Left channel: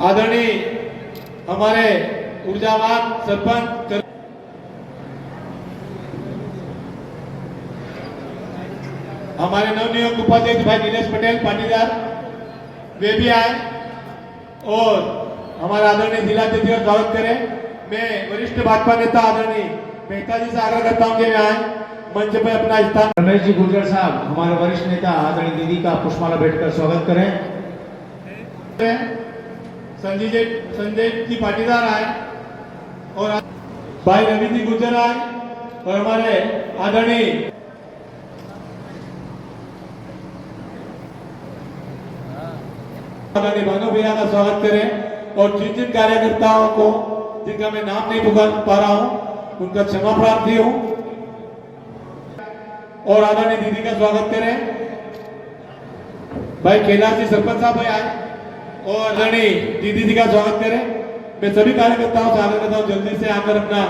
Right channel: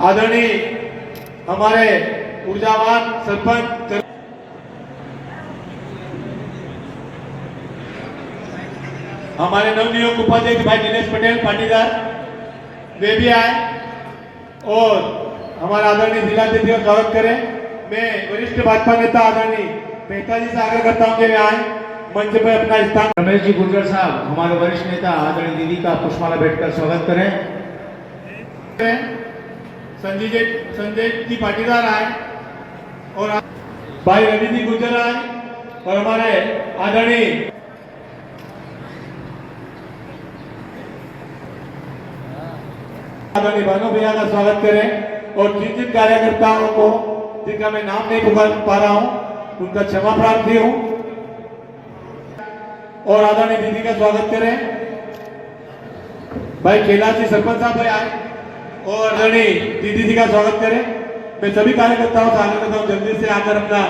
आदरणीय हमारे ऊर्जावान सरपंच हमारे नवनियुक्त उपाध्यक्ष भाई दिनेश पटेल पाटीदार वे भी आए और हमारा आदरणीय जिलाध्यक्ष का स्वागत करें। मैं वरिष्ठ भाजपा नेता आदरणीय मेहता जी से आग्रह करता हूं कि वे आए मंच पर अपना स्थान। रमेश जी गुर्जर साहब हमारे वरिष्ठ नेता आदरणीय दीदी का पुष्पमाला भेंट कर स्वागत करें। संजय जी पाटीदार आए और भाई रवि जी गुर्जर आए और हमारे आदरणीय भानु भैया का स्वागत करें और जिन जिन कार्यकर्ताओं को जिनका मैं नाम नहीं पुकार पा रहा हूं उनका क्षमा प्रार्थी हूं और आदरणीय दीदी का स्वागत करें। भाई कैलाश जी सरपंच साहब आए और आदरणीय दीदी जी का स्वागत करें। मैं सभी कार्यकर्ताओं से आग्रह करता हूं जल्दी से आकर अपना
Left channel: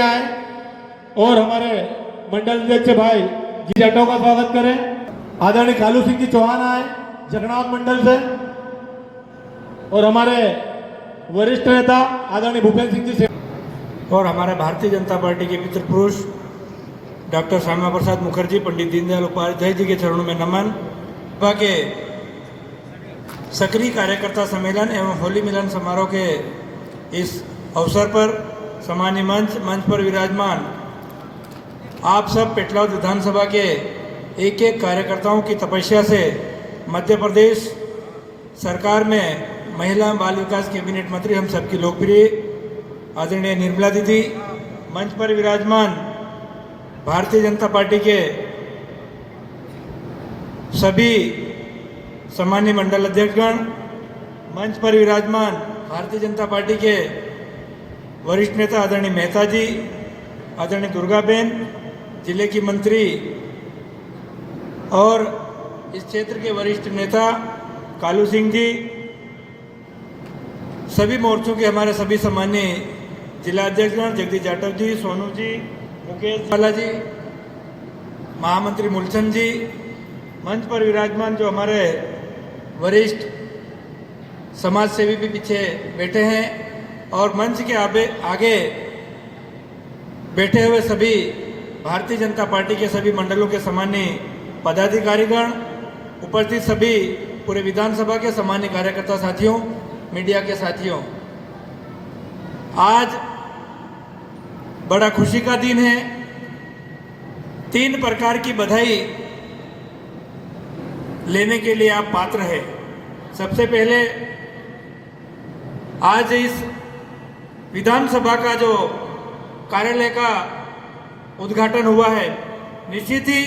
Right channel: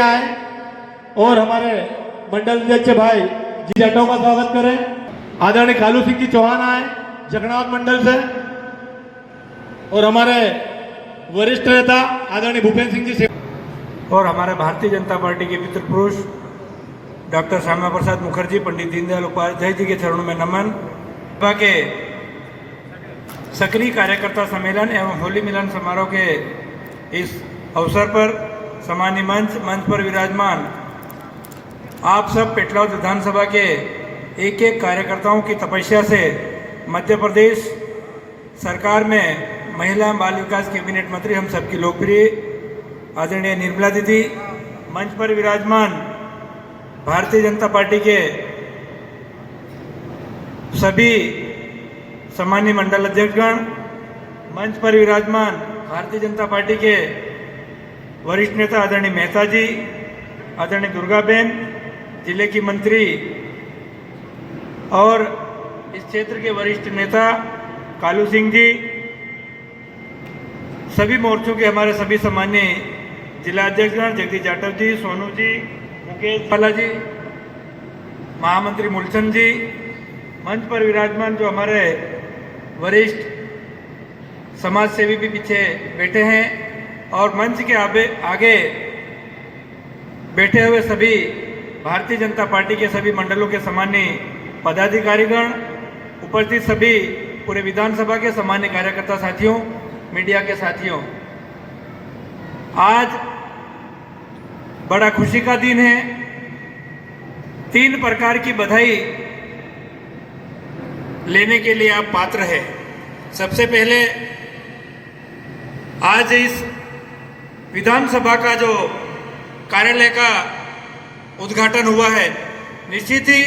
आए और हमारे मंडल अध्यक्ष भाई जी जाटव का स्वागत करें। आदरणीय कालू सिंह जी चौहान आए जगन्नाथ मंडल से और हमारे वरिष्ठ नेता आदरणीय भूपेंद्र सिंह जी से और हमारे भारतीय जनता पार्टी के मित्र पुरुष डॉक्टर श्यामा प्रसाद मुखर्जी पंडित दीनदयाल उपाध्याय जी के चरणों में नमन। भाजपा के सक्रिय कार्यकर्ता सम्मेलन एवं होली मिलन समारोह के इस अवसर पर सामान्य मंच पर विराजमान आप सब पेटलाद विधानसभा के एक एक कार्यकर्ताओं की तपस्या से मध्य प्रदेश सरकार में महिला बाल विकास कैबिनेट मंत्री हम सबकी लोकप्रिय आदरणीय निर्मला दीदी, मंच पर विराजमान भारतीय जनता पार्टी के सभी सामान्य मंडल अध्यक्षगण, मंच पर विराजमान भारतीय जनता पार्टी के वरिष्ठ नेता आदरणीय मेहता जी, आदरणीय दुर्गाबेन, जिले की मंत्री और इस क्षेत्र के वरिष्ठ नेता कालू सिंह जी, सभी मोर्चों के हमारे सभी सामान्य जिला अध्यक्षगण जगदीश जाटव जी, सोनू जी, मुकेश बाला जी, महामंत्री मूलचंद जी, मंच पर विराजमान जो हमारे वरिष्ठ समाज सेवी भी पीछे बैठे हैं और मंच के आगे बैठे हुए सभी भारतीय जनता पार्टी के सभी मंडलों के सामान्य पदाधिकारीगण, उपस्थित सभी पूरे विधानसभा के सामान्य कार्यकर्ता साथियों, मीडिया के साथियों, आज बड़ा खुशी का दिन है। 3 प्रकार की बधाई लेने के लिए आप पात्र हैं। सबसे पहले आज इस विधानसभा का जो कार्यालय का उद्घाटन हुआ है, निश्चित ही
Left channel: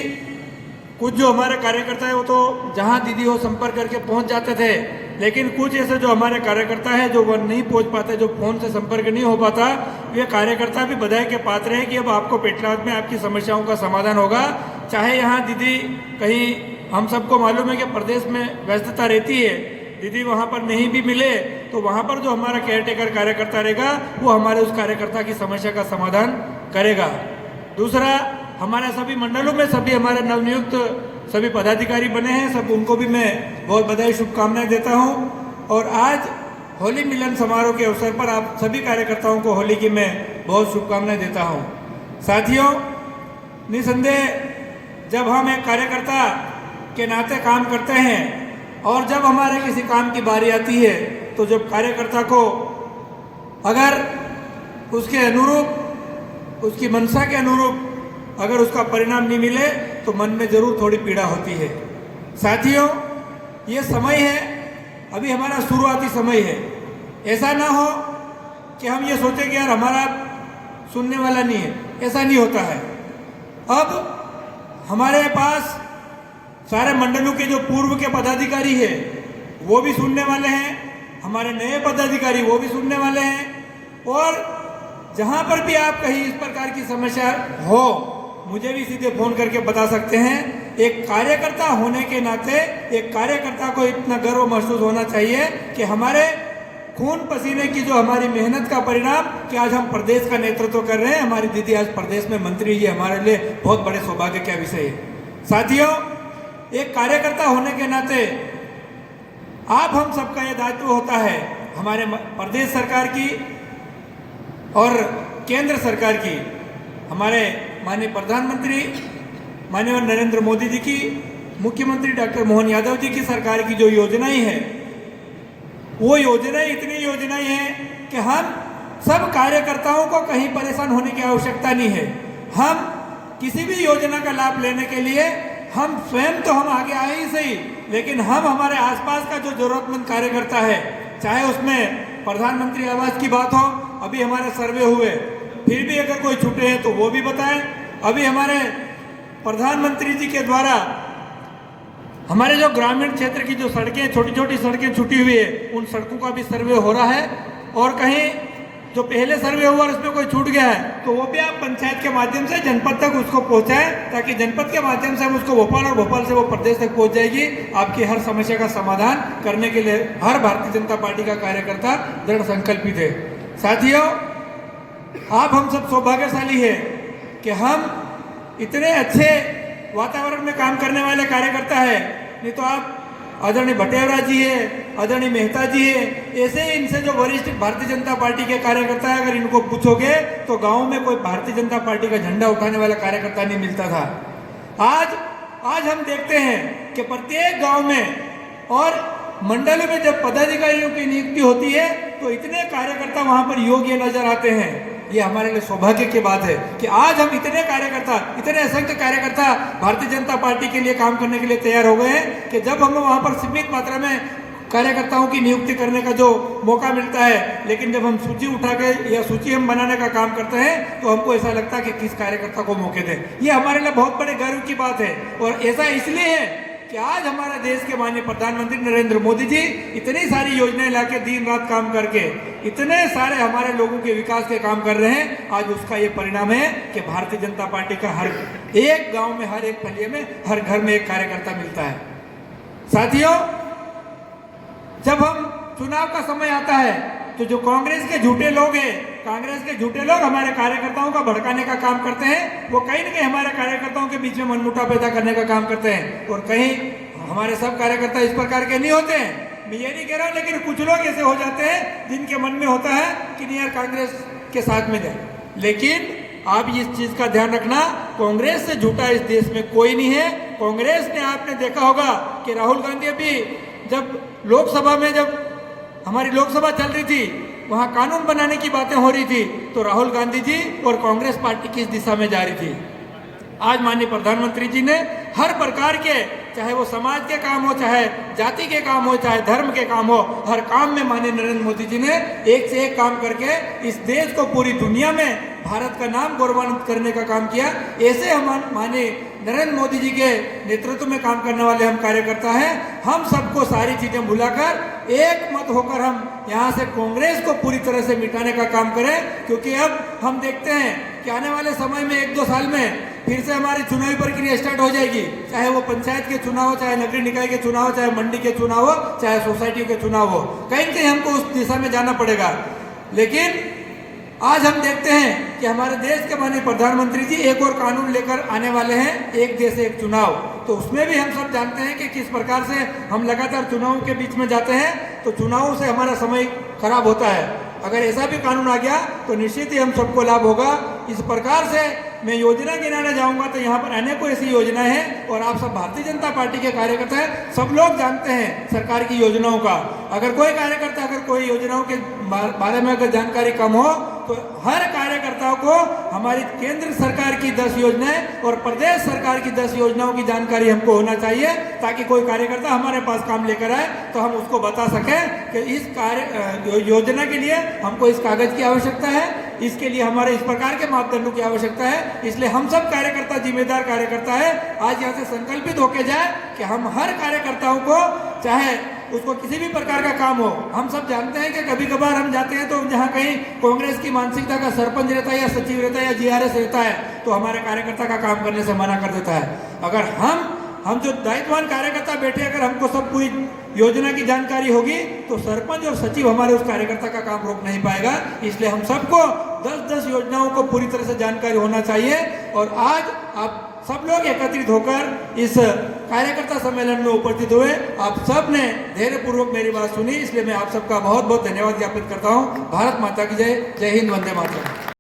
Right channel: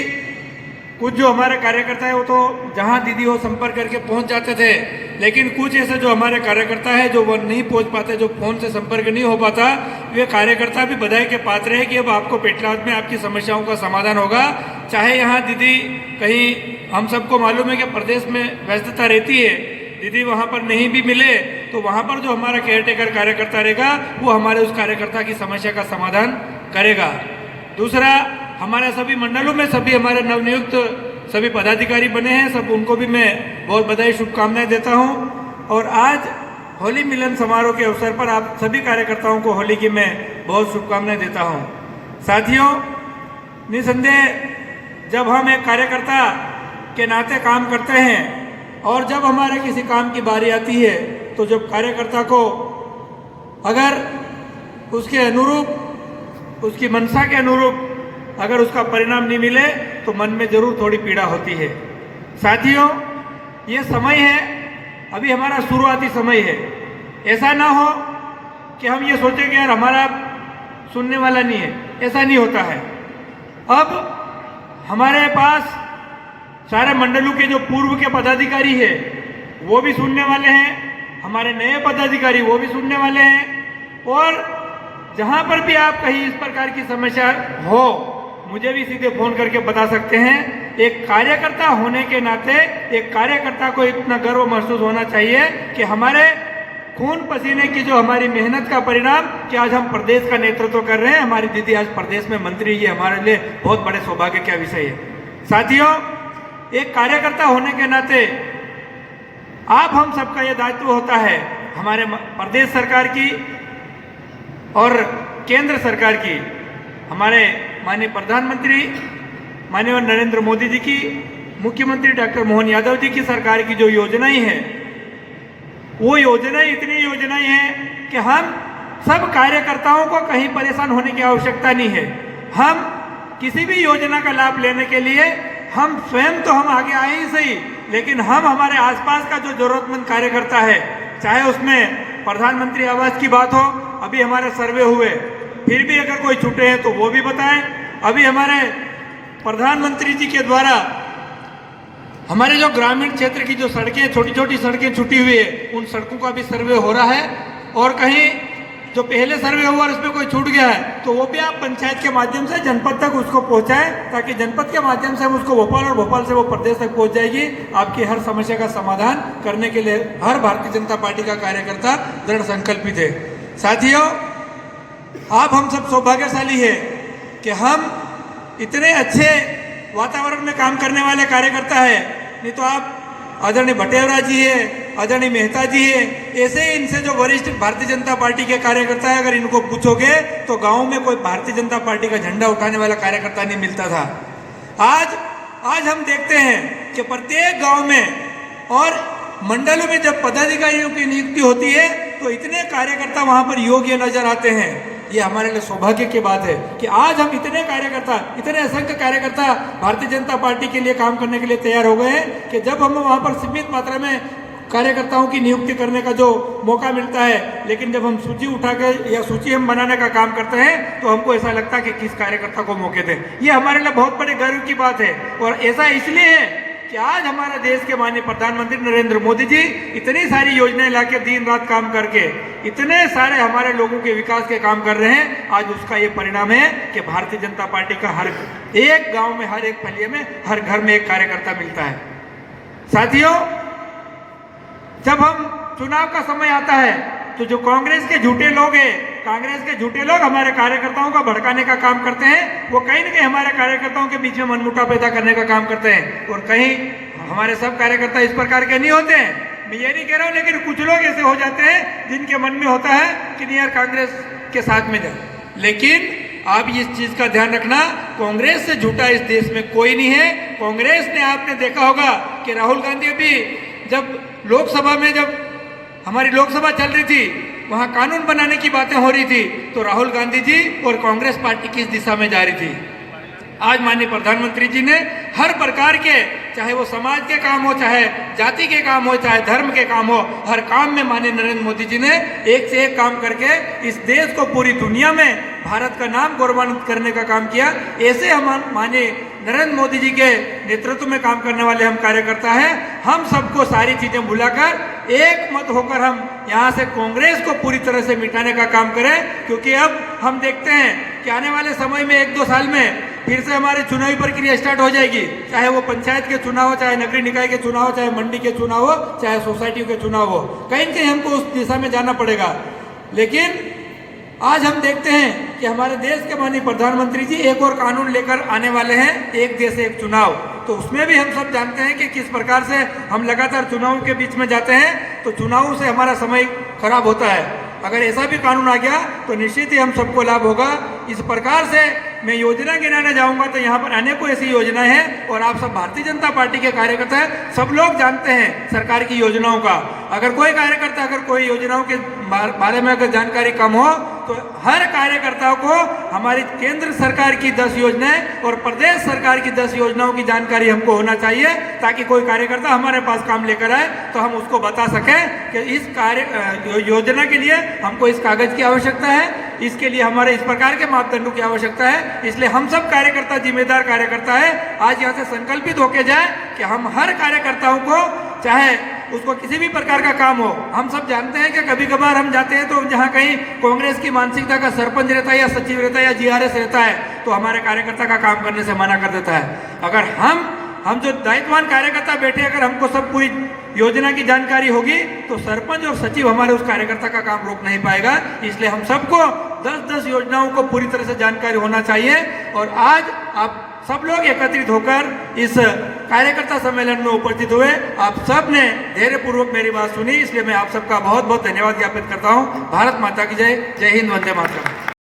कुछ जो हमारे कार्यकर्ता है वो तो जहां दीदी हो संपर्क करके पहुंच जाते थे, लेकिन कुछ ऐसे जो हमारे कार्यकर्ता है जो वो नहीं पहुंच पाते, जो फोन से संपर्क नहीं हो पाता, वे कार्यकर्ता भी बधाई के पात्र है कि अब आपको पेटलाद में आपकी समस्याओं का समाधान होगा। चाहे यहाँ दीदी कहीं, हम सबको मालूम है कि प्रदेश में व्यस्तता रहती है, दीदी वहाँ पर नहीं भी मिले तो वहाँ पर जो हमारा केयरटेकर कार्यकर्ता रहेगा वो हमारे उस कार्यकर्ता की समस्या का समाधान करेगा। दूसरा, हमारे सभी मंडलों में सभी हमारे नवनियुक्त सभी पदाधिकारी बने हैं, सब उनको भी मैं बहुत बधाई शुभकामनाएं देता हूं। और आज होली मिलन समारोह के अवसर पर आप सभी कार्यकर्ताओं को होली की मैं बहुत शुभकामनाएं देता हूं। साथियों, निसंदेह जब हम एक कार्यकर्ता के नाते काम करते हैं और जब हमारे किसी काम की बारी आती है तो जब कार्यकर्ता को अगर उसके अनुरूप, उसकी मंशा के अनुरूप अगर उसका परिणाम नहीं मिले तो मन में जरूर थोड़ी पीड़ा होती है। साथियों, ये समय है, अभी हमारा शुरुआती समय है। ऐसा ना हो कि हम ये सोचें कि यार हमारा सुनने वाला नहीं है, ऐसा नहीं होता है। अब हमारे पास सारे मंडलों के जो पूर्व के पदाधिकारी है वो भी सुनने वाले हैं, हमारे नए पदाधिकारी वो भी सुनने वाले हैं, और जहां पर भी आप कहीं इस प्रकार की समस्या हो मुझे भी सीधे फोन करके बता सकते हैं। एक कार्यकर्ता होने के नाते एक कार्यकर्ता को इतना गर्व महसूस होना चाहिए कि हमारे खून पसीने की जो हमारी मेहनत का परिणाम कि आज हम प्रदेश का नेतृत्व कर रहे हैं, हमारी दीदी आज प्रदेश में मंत्री, ये हमारे लिए बहुत बड़े सौभाग्य का विषय है। साथियों, एक कार्यकर्ता होने के नाते आप हम सबका यह दायित्व होता है, हमारे प्रदेश सरकार की और केंद्र सरकार की, हमारे माननीय प्रधानमंत्री माननीय नरेंद्र मोदी जी की, मुख्यमंत्री डॉक्टर मोहन यादव जी की सरकार की जो योजनाएं हैं, वो योजनाएं इतनी योजनाएं हैं कि हम सब कार्यकर्ताओं को कहीं परेशान होने की आवश्यकता नहीं है। हम किसी भी योजना का लाभ लेने के लिए हम स्वयं तो हम आगे आए ही सही, लेकिन हम हमारे आसपास का जो जरूरतमंद कार्यकर्ता है, चाहे उसमें प्रधानमंत्री आवास की बात हो, अभी हमारे सर्वे हुए, फिर भी अगर कोई छूटे हैं तो वो भी बताएं। अभी हमारे प्रधानमंत्री जी के द्वारा हमारे जो ग्रामीण क्षेत्र की जो सड़कें, छोटी छोटी सड़कें छूटी हुई है, उन सड़कों का भी सर्वे हो रहा है। और कहीं जो पहले सर्वे हुआ उसमें कोई छूट गया है तो वो भी आप पंचायत के माध्यम से जनपद तक उसको पहुंचाएं, ताकि जनपद के माध्यम से हम उसको भोपाल और भोपाल से वो प्रदेश तक पहुंच जाएगी। आपकी हर समस्या का समाधान करने के लिए हर भारतीय जनता पार्टी का कार्यकर्ता दृढ़ संकल्पित है। साथियों, आप हम सब सौभाग्यशाली है कि हम इतने अच्छे वातावरण में काम करने वाले कार्यकर्ता है। नहीं तो आप आदरणीय भटेवरा जी है, आदरणीय मेहता जी है, ऐसे इनसे जो वरिष्ठ भारतीय जनता पार्टी के कार्यकर्ता है, अगर इनको पूछोगे तो गांव में कोई भारतीय जनता पार्टी का झंडा उठाने वाला कार्यकर्ता नहीं मिलता था। आज हम देखते हैं कि प्रत्येक गांव में और मंडलों में जब पदाधिकारियों की नियुक्ति होती है तो इतने कार्यकर्ता वहां पर योग्य नजर आते हैं। ये हमारे लिए सौभाग्य की बात है कि आज हम इतने कार्यकर्ता, इतने असंख्य कार्यकर्ता भारतीय जनता पार्टी के लिए काम करने के लिए तैयार हो गए हैं कि जब हमें वहां पर सीमित मात्रा में कार्यकर्ताओं की नियुक्ति करने का जो मौका मिलता है, लेकिन जब हम सूची उठा के या सूची हम बनाने का काम करते हैं तो हमको ऐसा लगता है कि किस कार्यकर्ता को मौके दें। ये हमारे लिए बहुत बड़े गर्व की बात है। और ऐसा इसलिए है कि आज हमारा देश के माननीय प्रधानमंत्री नरेंद्र मोदी जी इतनी सारी योजनाएं लाके दिन रात काम करके इतने सारे हमारे लोगों के विकास के काम कर रहे हैं। आज उसका ये परिणाम है कि भारतीय जनता पार्टी का हर एक गांव में, हर एक फलिए में, हर घर में एक कार्यकर्ता मिलता है। साथियों, जब हम चुनाव का समय आता है तो जो कांग्रेस के झूठे लोग हैं, कांग्रेस के झूठे लोग हमारे कार्यकर्ताओं का भड़काने का काम करते हैं। वो कहीं न कहीं हमारे कार्यकर्ताओं के बीच में मनमुटाव पैदा करने का काम करते हैं। और कहीं हमारे सब कार्यकर्ता इस प्रकार के नहीं होते हैं, मैं ये नहीं कह रहा हूं, लेकिन कुछ लोग ऐसे हो जाते हैं जिनके मन में होता है कि नहीं यार कांग्रेस के साथ में जाए। लेकिन आप इस चीज का ध्यान रखना, कांग्रेस से झूठा इस देश में कोई नहीं है। कांग्रेस ने, आपने देखा होगा कि राहुल गांधी अभी जब लोकसभा में, जब हमारी लोकसभा चल रही थी, वहां कानून बनाने की बातें हो रही थी, तो राहुल गांधी जी और कांग्रेस पार्टी किस दिशा में जा रही थी। आज माननीय प्रधानमंत्री जी ने हर प्रकार के, चाहे वो समाज के काम हो, चाहे जाति के काम हो, चाहे धर्म के काम हो, हर काम में माननीय नरेंद्र मोदी जी ने एक से एक काम करके इस देश को पूरी दुनिया में भारत का नाम गौरवान्वित करने का काम किया। ऐसे हम माननीय नरेंद्र मोदी जी के नेतृत्व में काम करने वाले हम कार्यकर्ता हैं। हम सबको सारी चीजें भुलाकर एक मत होकर हम यहाँ से कांग्रेस को पूरी तरह से मिटाने का काम करें, क्योंकि अब हम देखते हैं कि आने वाले समय में 1-2 साल में फिर से हमारी चुनावी प्रक्रिया स्टार्ट हो जाएगी। चाहे वो पंचायत के चुनाव हो, चाहे नगरीय निकाय के चुनाव हो, चाहे मंडी के चुनाव हो, चाहे सोसाइटी के चुनाव हो, कहीं कहीं हमको उस दिशा में जाना पड़ेगा। लेकिन आज हम देखते हैं कि हमारे देश के माननीय प्रधानमंत्री जी एक और कानून लेकर आने वाले हैं, एक देश एक चुनाव। तो उसमें भी हम सब जानते हैं कि किस प्रकार से हम लगातार चुनावों के बीच में जाते हैं, तो चुनावों से हमारा समय खराब होता है। अगर ऐसा भी कानून आ गया तो निश्चित ही हम सबको लाभ होगा। इस प्रकार से मैं योजना गिनाने जाऊंगा तो यहाँ पर अनेकों ऐसी योजनाएं हैं, और आप सब भारतीय जनता पार्टी के कार्यकर्ता हैं, सब लोग जानते हैं सरकार की योजनाओं का। अगर कोई कार्यकर्ता, अगर कोई योजनाओं के बारे में अगर जानकारी कम हो तो हर कार्यकर्ता को हमारी केंद्र सरकार की 10 योजनाएं और प्रदेश सरकार की 10 योजनाओं की जानकारी हमको होना चाहिए, ताकि कोई कार्यकर्ता हमारे पास काम लेकर आए तो हम उसको बता सकें कि इस योजना के लिए हमको इस कागज की आवश्यकता है, इसके लिए हमारे इस प्रकार के मापदंडों की आवश्यकता है। इसलिए हम सब कार्यकर्ता जिम्मेदार कार्यकर्ता है, आज यहाँ से संकल्पित होके जाए कि हम हर कार्यकर्ताओं को, चाहे उसको किसी भी प्रकार का काम हो, हम सब जानते हैं कि कभी कभार हम जाते हैं तो जहाँ कहीं कांग्रेस की मानसिकता का सरपंच रहता है या सचिव रहता है या जीआरएस रहता है तो हमारे कार्यकर्ता का काम करने से मना कर देता है। अगर हम जो दायित्ववान कार्यकर्ता बैठे, अगर हमको सब पूरी योजना की जानकारी होगी तो सरपंच और सचिव हमारे उस कार्यकर्ता का काम रोक नहीं पाएगा। इसलिए हम सबको 10-10 योजनाओं को पूरी तरह से जानकारी होना चाहिए। और आज आप सब लोग एकत्रित होकर इस कार्यकर्ता सम्मेलन में उपस्थित हुए। आप सब ने धैर्यपूर्वक मेरी बात सुनी, इसलिए मैं आप सबका बहुत बहुत धन्यवाद ज्ञापित करता हूँ। भारत माता की जय। जय हिंद, वंदे मातरम।